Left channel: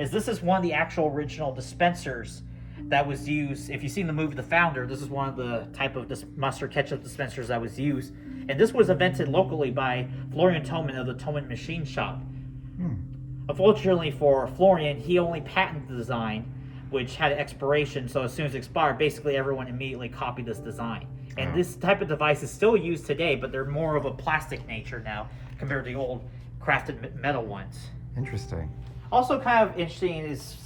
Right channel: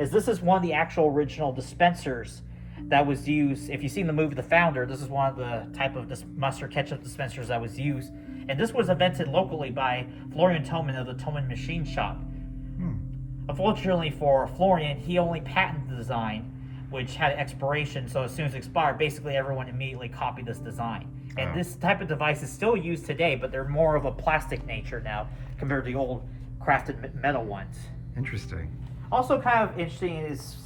is this is one of the actual original dispensers that was used. If you've seen the movie The Founder, this is one of the type of mustard ketchup dispensers that was used. And this was invented locally by Florian Thoman of the Thoman Machine Shop. Unfortunately for Florian, he only patented the design, which had an expiration, so as soon as it expired, basically everyone immediately copied this design. And this type of device is still used today, but they're more of a plastic nature now compared to the old crafted metal ones. Interesting. Also kind of interesting is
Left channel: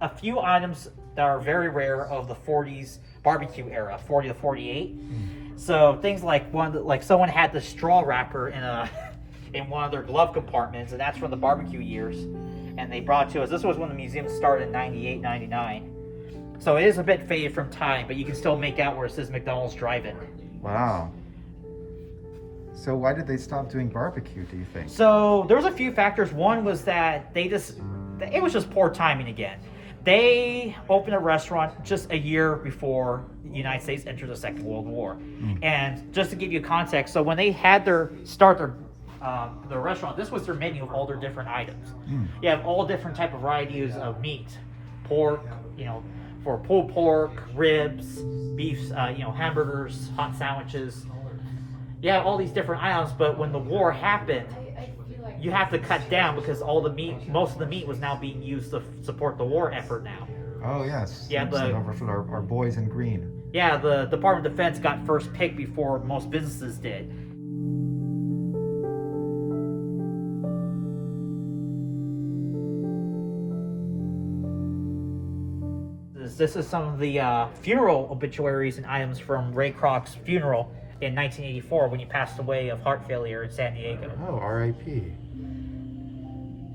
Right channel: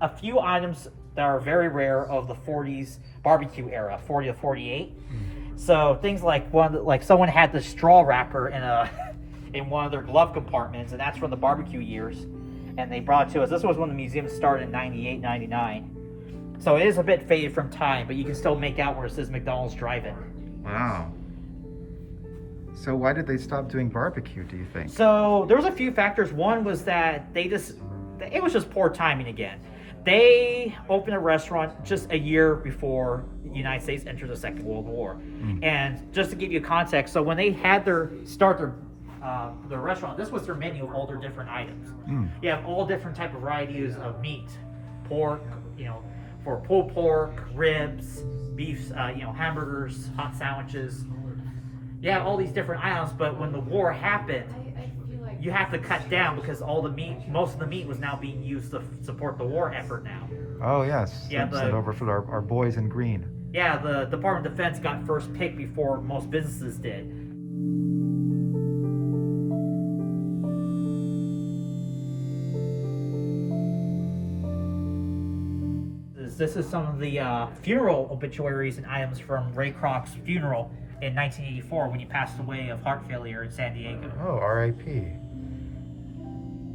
a few items that are very rare of the 40s barbecue era, 40 to 48. So things like someone had the straw wrapper in one of their glove compartments, and that's from the barbecue years. And they brought it to us. This was when the museum started in 98, 99. So it is a bit faded from time, but you can still make out where it says McDonald's Drive-In. Wow. So why did they stop doing barbecue, do you think? So there was a few factors. One was that it was just poor timing again. They opened a restaurant just a year before the United States entered the Second World War. And just to give you context, so when they had their restaurant, this was their menu of all their different items. You have all different type of varieties of meat, pork, for pulled pork, ribs, beef, hamburgers, hot sandwiches. You have all these different items, but when the war happened, you have to cut down because most of the meat was now being used to support the war effort now. Oh yes, sent over for our boys in green. Yeah, the Department of Defense got first pick before most businesses did. This is some of the funeral obituaries and items from Ray Kroc's funeral in 1984 when he passed away of heart failure in San Diego. Oh, R.I.P.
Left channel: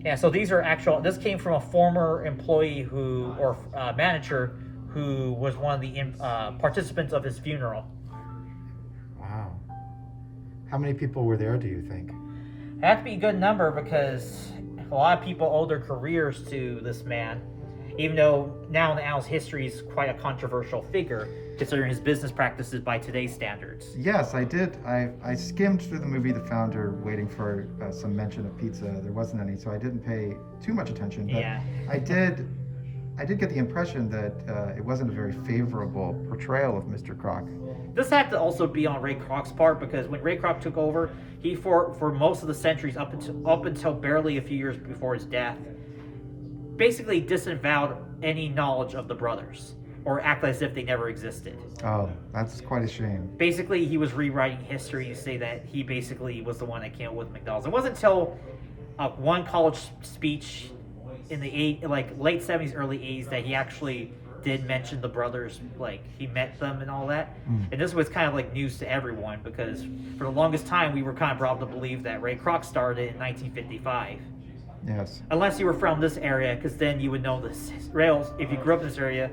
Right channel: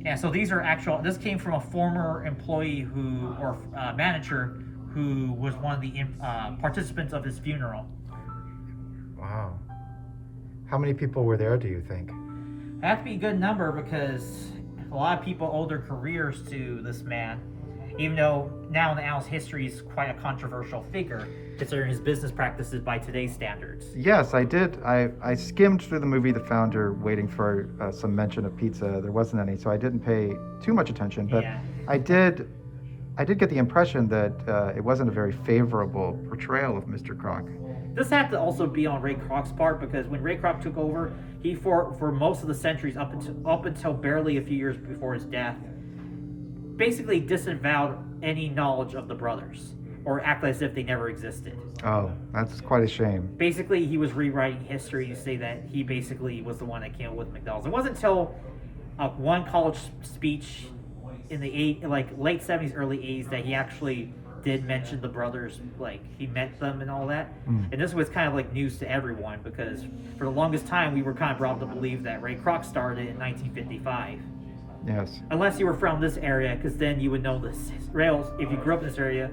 Yeah, so these are this came from a former employee manager who was one of the participants of his funeral. Wow. How many people were there, do you think? It had to be a good number because a lot of people owe their careers to this man, even though now in Al's history he's quite a controversial figure, considering his business practices by today's standards. Yes, I did. I skimmed through the movie The Founder waiting for some mention of pizza. There wasn't any, so I didn't pay too much attention. But yeah. I did get the impression that it wasn't a very favorable portrayal of Mr. Kroc. This had to also be on Ray Kroc's part because when Ray Kroc took over, he for most of the centuries up until barely a few years before his death, basically disavowed any knowledge of the brothers or acted as if they never existed. Oh, that's quite a shame. Basically, he was rewriting history to say that he basically was the one that came up with McDonald's. It wasn't until one college speech in the late 70s, early 80s that he actually did mention the brothers, like he met them and all that. And this was kind of like news to everyone because for the longest time we were kind of brought up to believe that Ray Kroc started in 1955. Yes. Unless you were from this area, because then you would know the rails. If you grew up in this area,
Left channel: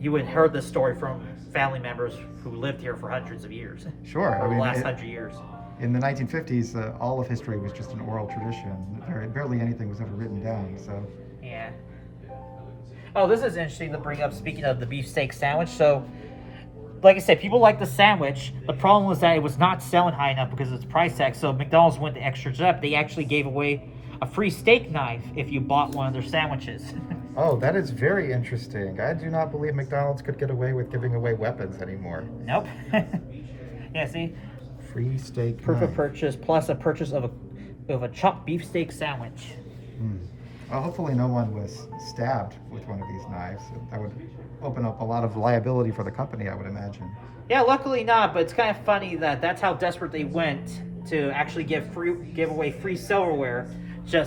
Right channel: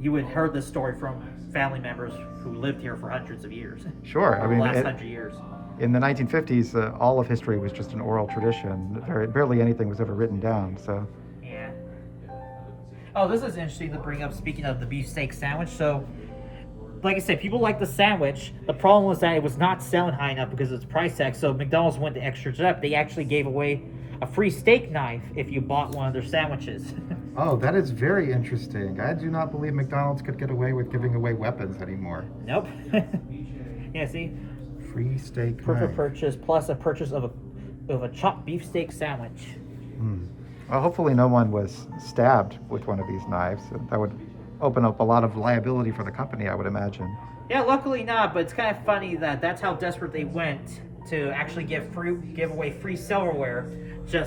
you would have heard this story from family members who lived here for hundreds of years. Sure. The last 100 years. In the 1950s, all of history was just an oral tradition. Barely anything was ever written down. So. Yeah. Oh, this is interesting to bring up. Speaking of the beefsteak sandwich, so like I said, people like the sandwich. The problem was that it was not selling high enough because of its price tag. So McDonald's went the extra step. They actually gave away a free steak knife if you bought one of their sandwiches. Oh, that is very interesting. I do not believe McDonald's could get away with giving away weapons anymore. Nope. Yeah, see? Free steak Proof knife. of purchase plus a purchase of a chopped beefsteak sandwich. Well, hopefully no one was stabbed with one of these knives. That would open up a lot of liability for the company, I would imagine. Yeah, luckily not, but it's kind of funny that that's how desperate they went to actually give away free silverware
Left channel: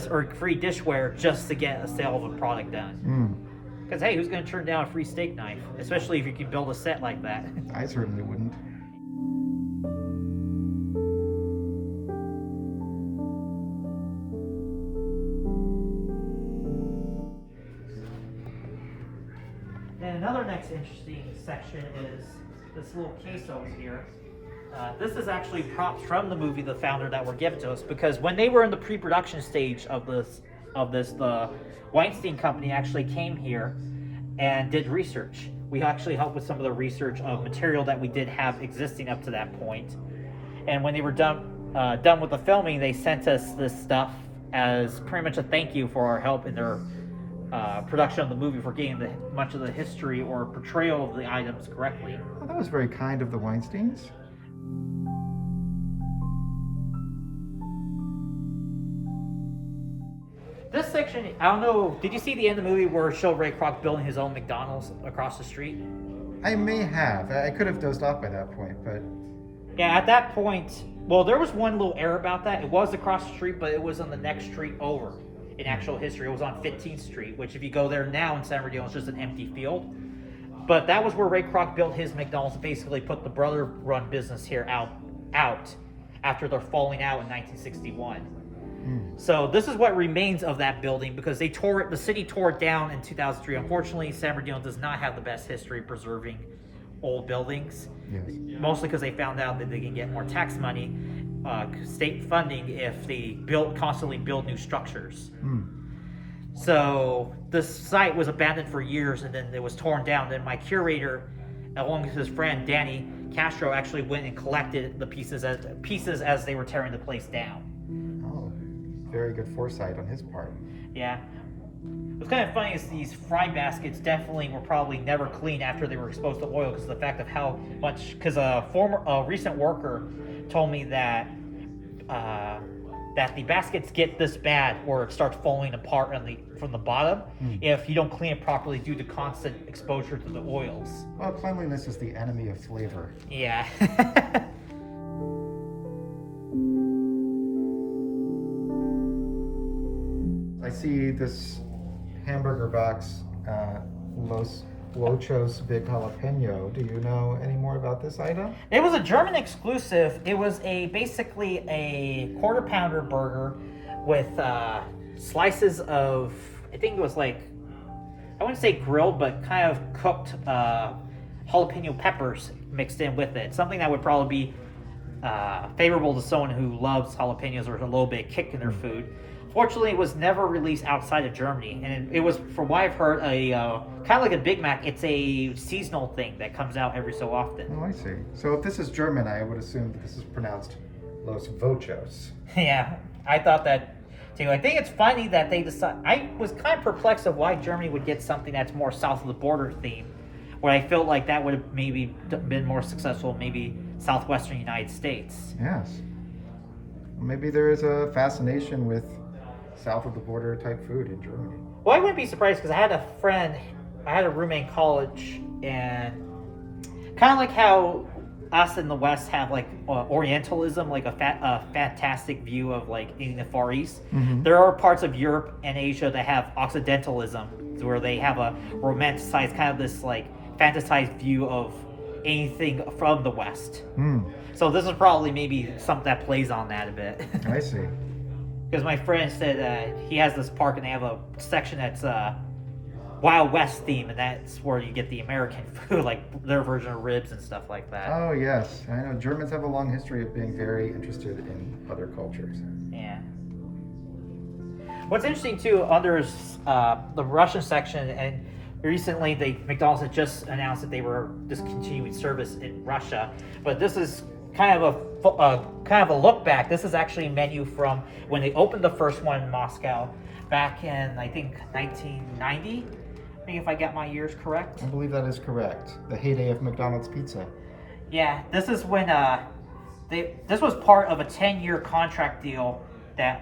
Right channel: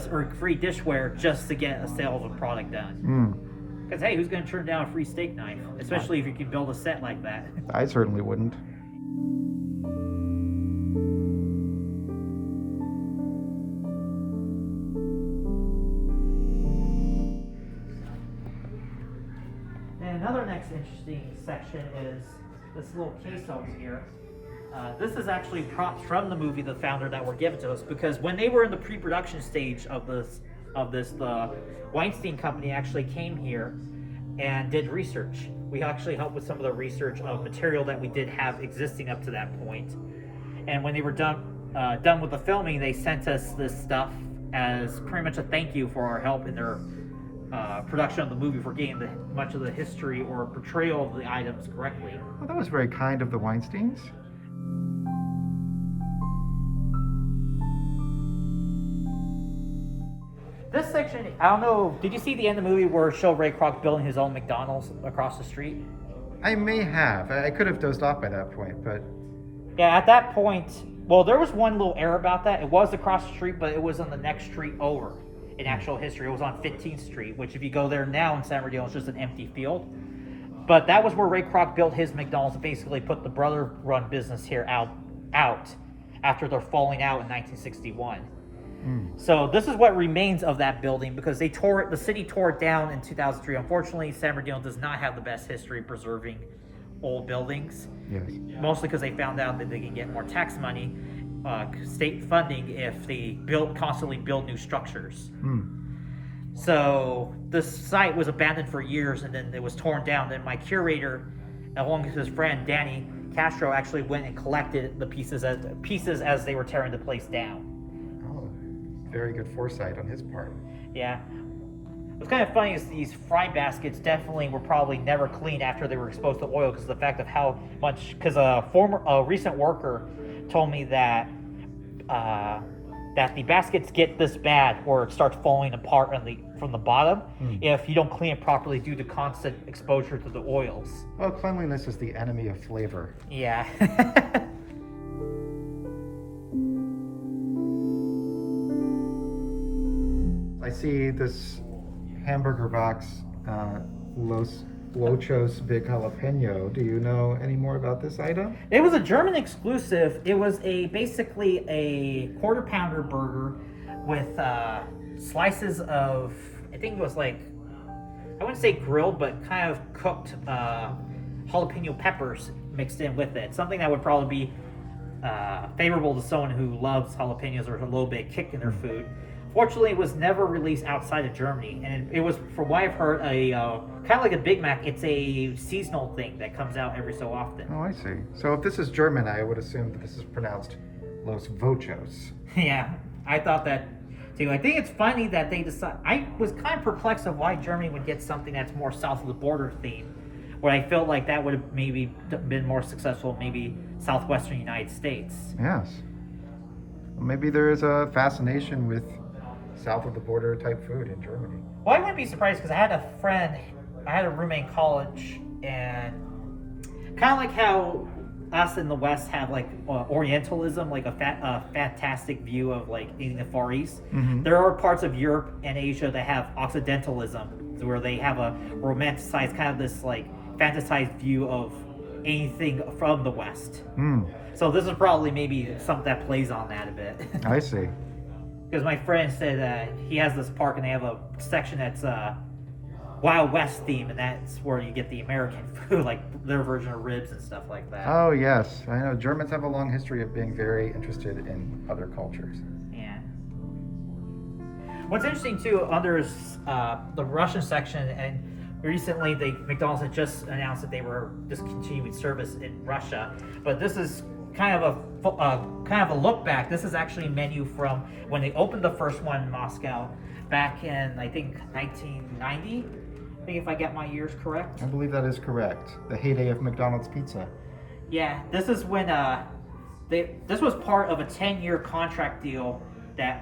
or free dishware just to get a sale of a product done. Because hey, who's going to turn down a free steak knife, especially if you can build a set like that? I certainly wouldn't. And another next interesting section is this little case over here. This is actually props from the movie The Founder that were given to us because when they were in the pre-production stage of this, the Weinstein Company actually came here and did research. We actually helped with some of the research of material that we did have existing up to that point. And when they were done with the filming, they sent us this stuff as pretty much a thank you for our help in their production of the movie for getting much of the history or portrayal of the items correctly. Well, that was very kind of the Weinsteins. This section, I don't know, did you see the end of the movie where it showed Ray Kroc building his own McDonald's across the street? I may have. I could have dozed off by that point, but... Yeah, at that point, well, there was one little error about that. It was across the street, but it was on the next street over in actual history. It was on 15th Street, which if you go there now in San Bernardino, it's just an empty field. But that was where Ray Kroc built his McDonald's and basically put the brother-run business here out after their falling out in 1961. So this is what remains of that building because the city tore it down in 2003. Unfortunately, San Bernardino does not have the best history preserving old buildings. Yes. Mostly because they found out that they can get more tax money, state funding, if they constantly build new structures. So this site was abandoned for years and then it was torn down. Then my curator, along with his friend Danny Castro, actually went and collected the pieces as they were tearing the place down. Very good foresight on his part. Yeah. What's kind of funny is these fry baskets definitely were probably never cleaned after they were exposed to oil because of the fact of how much. Because a recent worker told me that the baskets get this bad or it starts falling apart from the bottom if you don't clean it properly due to constant exposure to the oils. Well, cleanliness is the enemy of flavor. Yeah. I see this hamburger box, Los Lochos Big Jalapeno. Do you know any more about this item? It was a German exclusive. It was basically a quarter pounder burger with slices of, I think it was like, I wouldn't say grilled, but kind of cooked jalapeno peppers mixed in with it. Something that would probably be favorable to someone who loves jalapenos or a little bit of kick in their food. Fortunately, it was never released outside of Germany, and it was, from what I've heard, a kind of like a Big Mac. It's a seasonal thing that comes out every so often. Oh, I see. So if this is German, I would assume that this is pronounced Los Vochos. Yeah, I thought that too. I think it's funny that they decide. I was kind of perplexed of why Germany would get something that's more south of the border theme, where I felt like that would have maybe been more successful, maybe southwestern United States. Yes. Maybe there is a fascination with south of the border type food in Germany. Well, I wouldn't be surprised because I had a roommate in college, and kind of like how us in the West have like Orientalism, like a fantastic view of like in the Far East. There are parts of Europe and Asia that have Occidentalism, where they have a romanticized kind of this like fantasized view of anything from the West. So this is probably maybe something that plays on that a bit. I see. Because my friend said he has this park and they have a section that's Wild West theme, and that's where you get the American food, like their version of ribs and stuff like that. Oh yes, I know Germans have a long history of being very interested in other cultures. Yeah. What's interesting too, under the Russian section, and recently McDonald's had just announced that they were discontinuing service in Russia, but this is kind of a look back. This is actually a menu from when they opened the first one in Moscow back in, I think, 1990. I think if I get my years correct. I believe that is correct. The heyday of McDonald's pizza. Yeah, this is when this was part of a 10-year contract deal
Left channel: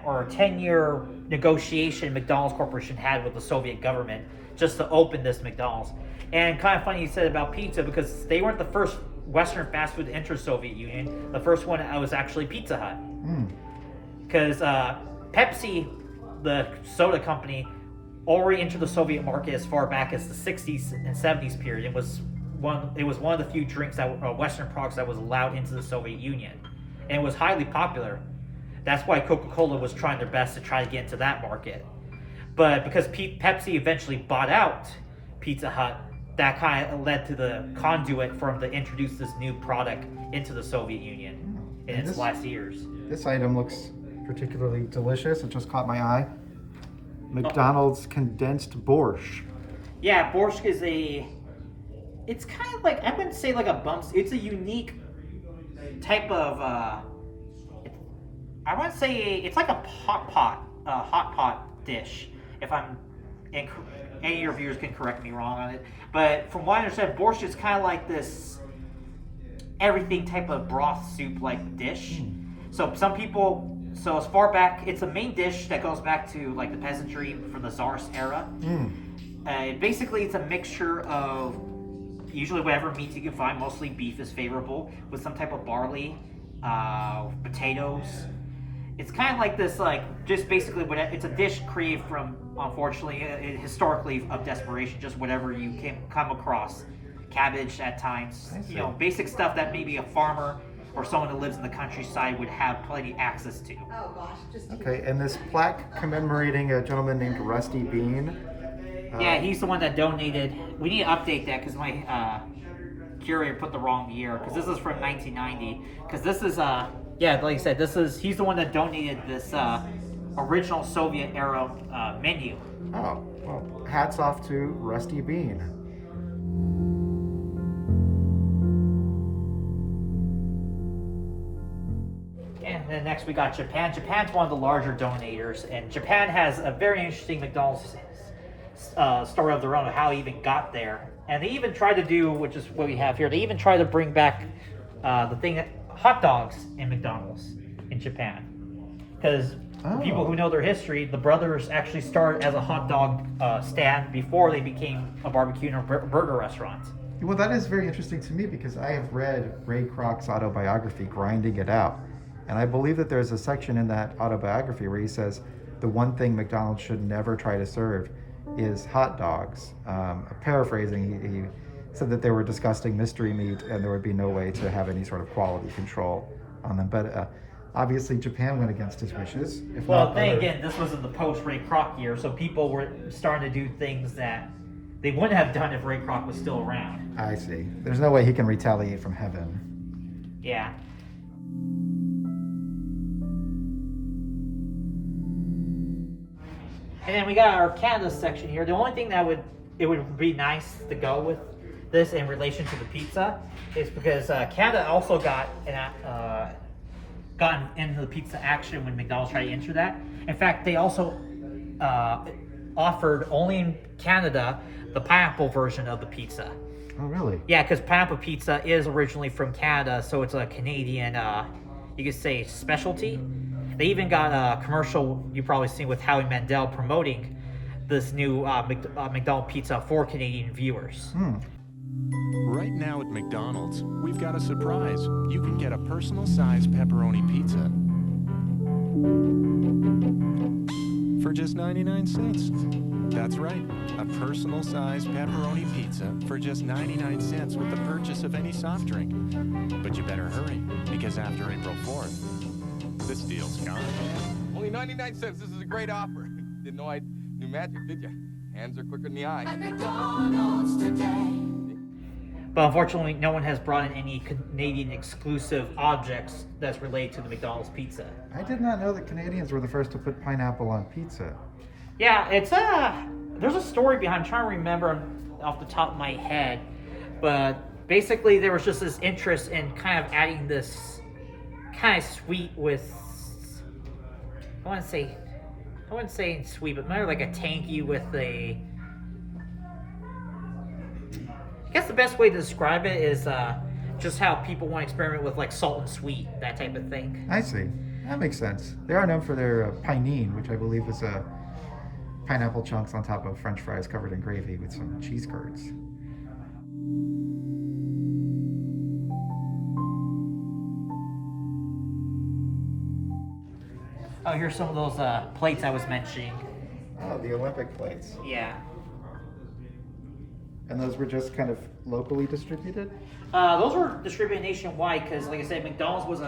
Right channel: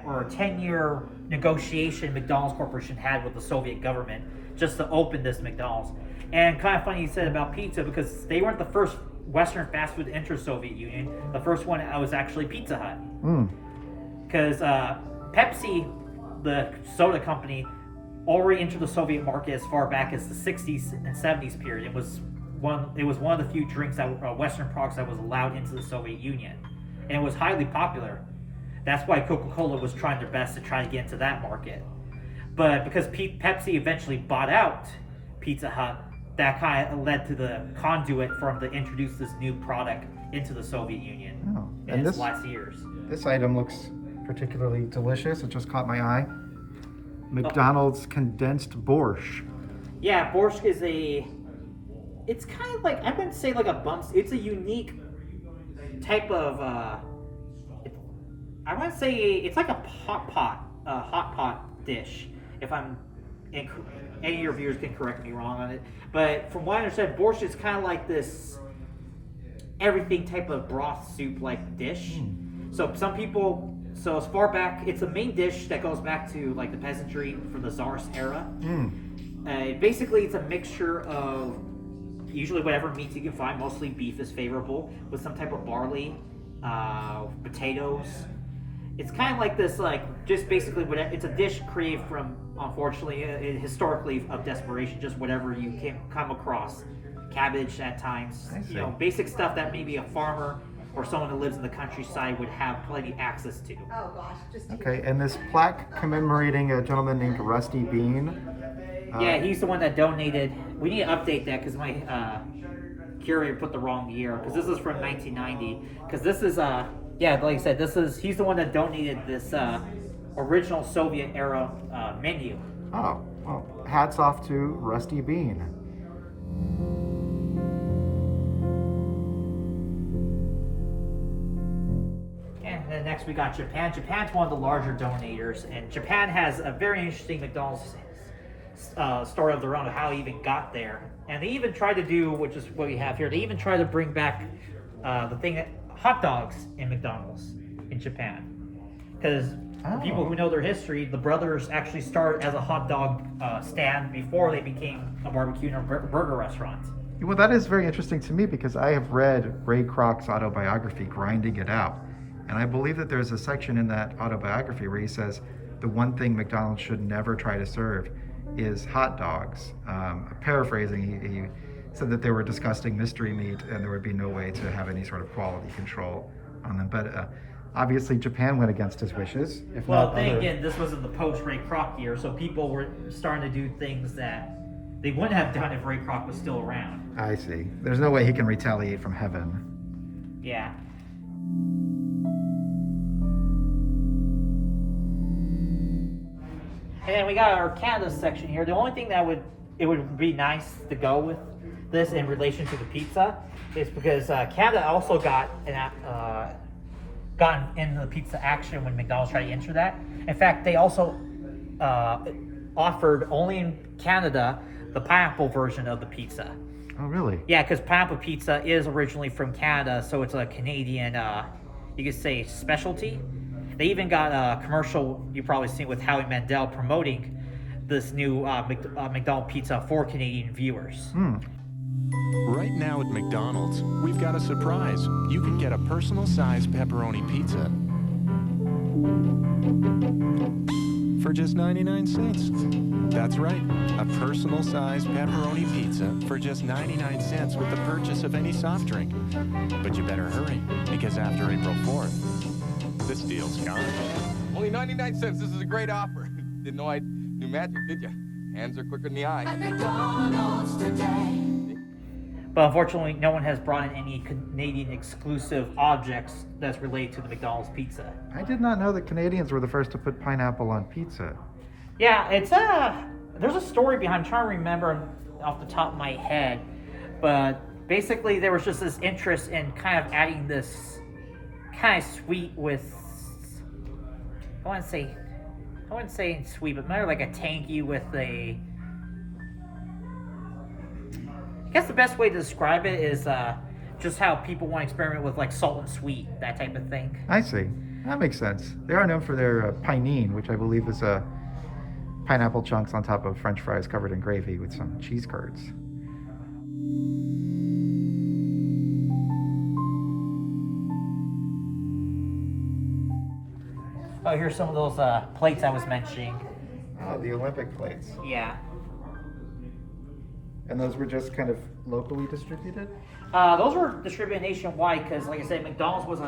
or a 10-year negotiation McDonald's Corporation had with the Soviet government just to open this McDonald's. And kind of funny you said about pizza, because they weren't the first Western fast food to enter Soviet Union. The first one was actually Pizza Hut. Because Pepsi, the soda company, already entered the Soviet market as far back as the 60s and 70s period. It was one of the few drinks Western products that was allowed into the Soviet Union, and it was highly popular. That's why Coca-Cola was trying their best to try to get into that market. But because Pepsi eventually bought out Pizza Hut, that kind of led to the conduit for them to introduce this new product into the Soviet Union in its last years. This item looks particularly delicious. It just caught my eye. McDonald's condensed borscht. Yeah, borscht is it's kind of like, I wouldn't say like a bump. It's a unique type of, I wouldn't say, it's like a hot pot dish. and any of your viewers can correct me wrong on it, but from what I understand, borscht is kind of like this everything type of broth soup like dish. So some people, so as far back, it's a main dish that goes back to like the peasantry from the Tsarist era. Basically, it's a mixture of usually whatever meat you can find, mostly beef is favorable, with some type of barley, potatoes. It's kind of like this, like, just basically, it's a dish created from, unfortunately, historically, of desperation, just whatever you can come across. Cabbage at times, basic stuff that maybe a farmer or someone who lives in the countryside would have plenty access to. Okay, and this plaque commemorating a gentleman named Rusty Bean. Yeah, he's the one that donated. We need to update that because my curator put the wrong year, because this is from 1990. Because this is, yeah, like I said, he's the one that donated this original Soviet era menu. Oh, well, hats off to Rusty Bean. And then next we got Japan. Japan's one of the larger donators, and Japan has a very interesting McDonald's story of their own of how it even got there. And they even tried to do, which is what we have here, they even tried to bring back the thing that hot dogs in McDonald's in Japan. Because people who know their history, the brothers actually started as a hot dog stand before they became a barbecue and a burger restaurant. Well, that is very interesting to me because I have read Ray Kroc's autobiography, Grinding It Out. And I believe that there's a section in that autobiography where he says the one thing McDonald's should never try to serve is hot dogs. Paraphrasing, he said that they were disgusting mystery meat and there would be no way to have any sort of quality control on them. But obviously Japan went against his wishes. Again, this was in the post-Ray Kroc year, so people were starting to do things that they wouldn't have done if Ray Kroc was still around. I see. There's no way he can retaliate from heaven. Yeah. And then we got our Canada section here. The only thing that it would be nice to go with this in relation to the pizza is because Canada also got gotten into the pizza action when McDonald's tried to enter that. In fact, they also offered only in Canada the pineapple version of the pizza. Oh, really? Yeah, because pineapple pizza is originally from Canada, so it's a Canadian, you could say, specialty. They even got a commercial you've probably seen with Howie Mandel promoting this new McDonald's pizza for Canadian viewers. Right now at McDonald's, we've got a surprise. You can get a personal-sized pepperoni pizza for just 99 cents. That's right, a personal-sized pepperoni pizza for just 99 cents with the purchase of any soft drink. But you better hurry, because after April 4th, this deal's gone. Only 99 cents. This is a great offer. Didn't know I knew magic, did you? Hands are quicker than the eye. At McDonald's today. But unfortunately, no one has brought in any Canadian exclusive objects that's related to the McDonald's pizza. I did not know that Canadians were the first to put pineapple on pizza. Yeah, there's a story behind, I'm trying to remember off the top of my head, but basically there was just this interest in kind of adding this kind of sweet with, I wouldn't say sweet, but more like a tangy with I guess the best way to describe it is just how people want to experiment with like salt and sweet, that type of thing. I see. That makes sense. They are known for their pinene, which I believe is pineapple chunks on top of French fries covered in gravy with some cheese curds. Oh, here's some of those plates I was mentioning. Oh, the Olympic plates. Yeah. And those were just kind of locally distributed? Those were distributed nationwide because, like I said, McDonald's was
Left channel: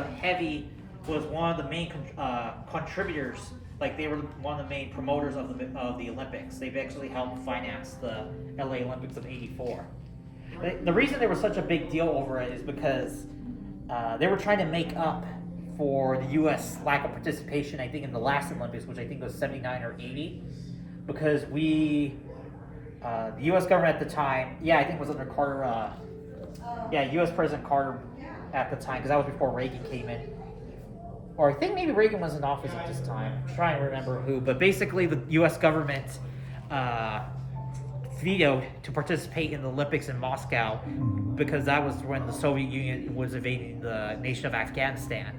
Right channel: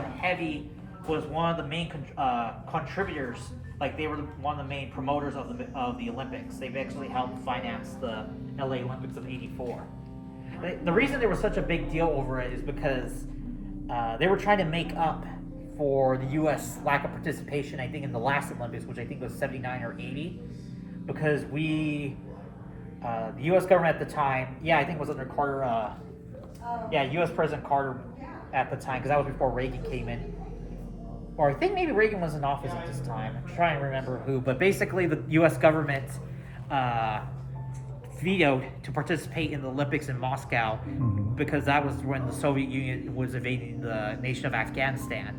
one of the main contributors. Like they were one of the main promoters of the Olympics. They've actually helped finance the LA Olympics of '84. The reason there was such a big deal over it is because they were trying to make up for the U.S. lack of participation, I think, in the last Olympics, which I think was 79 or 80, because the U.S. government at the time, I think it was under Carter, U.S. President Carter at the time, because that was before Reagan came in. Or I think maybe Reagan was in office at this time. I'm trying to remember who, but basically the U.S. government vetoed to participate in the Olympics in Moscow because that was when the Soviet Union was invading the nation of Afghanistan.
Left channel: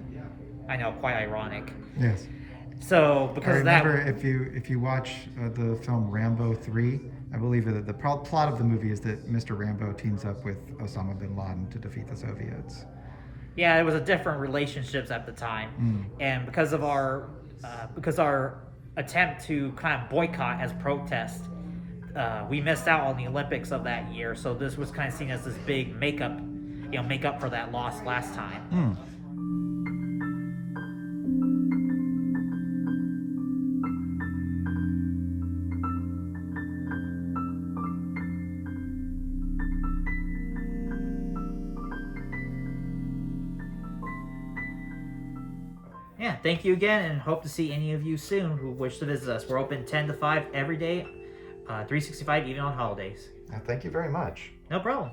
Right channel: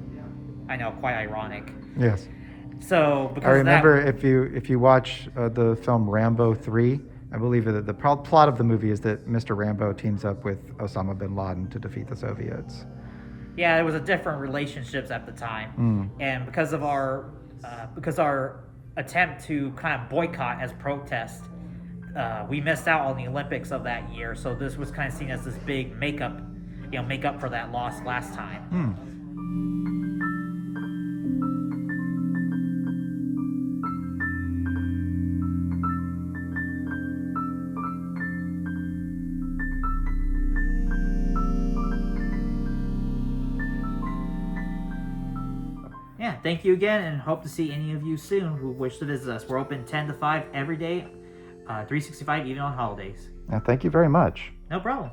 I know, quite ironic. Yes. So because I remember of that, if you watch the film Rambo 3, I believe that the plot of the movie is that Mr. Rambo teams up with Osama bin Laden to defeat the Soviets. yeah, it was a different relationships at the time, and because our attempt to kind of boycott as protest, we missed out on the Olympics of that year. So this was kind of seen as this big makeup for that loss last time. Yeah, thank you again, and hope to see any of you soon who wish to visit us. We're open 10 to 5 every day, 365 even on holidays. Thank you very much. No problem.